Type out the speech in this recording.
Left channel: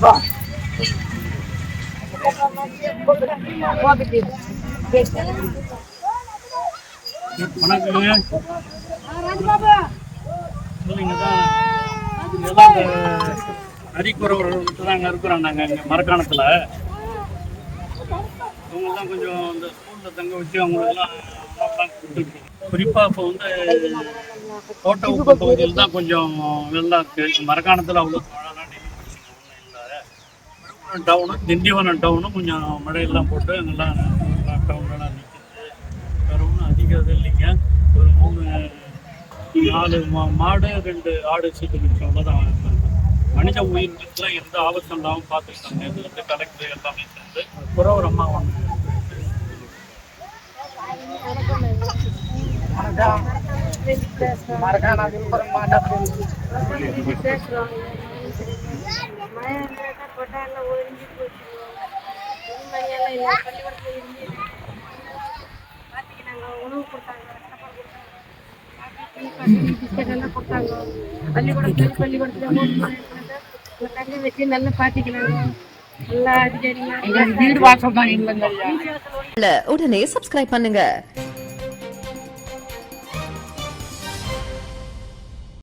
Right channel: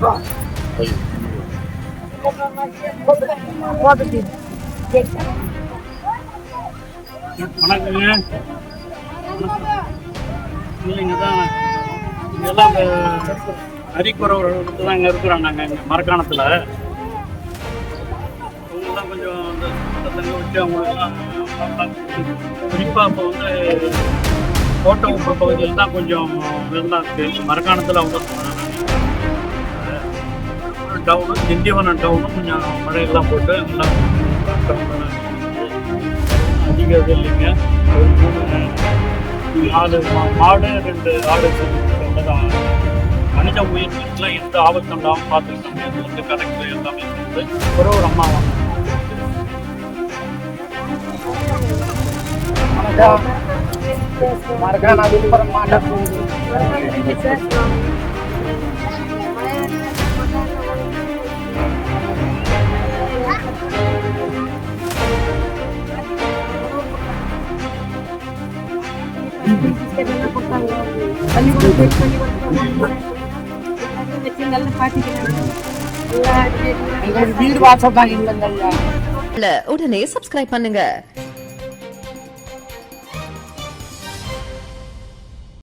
வணக்கங்க. இல்லைங்க தான் இதெல்லாம் இந்த அரிக்குறவர்கள் தான் இங்கே இருக்கிறோம். நாங்கள் இங்கே மரக்காணத்தில் அவங்கெல்லாம் கொஞ்சம் இந்த தங்க வச்சு அவங்களுக்கெல்லாம் குறிப்பாக இப்போ வந்து கோட்டை உப்பு பகுதியில் தான் கொஞ்சம் நல்லா இருக்குது. மரக்காணத்தில் அவ்வளோ டவுனும் திண்டிவனம் டவுனும் கொஞ்சம் மழையெல்லாம் போட்டு எல்லாம் டவுன்லாம் அதிக இது இல்லைங்க. ஒரு 4 மாடு 2 ஆடு தான். மனித உயிர்களுக்குலாம் எந்த ஆபத்து உண்டாகவும் பார்த்துக்கிட்டாங்க. அது வந்து கரெக்டு எல்லாமே இருக்குது. அப்புறம் ஒரு அம்மா வாங்க உடனே சப்ஸ்கிரைப் பண்ணுங்க.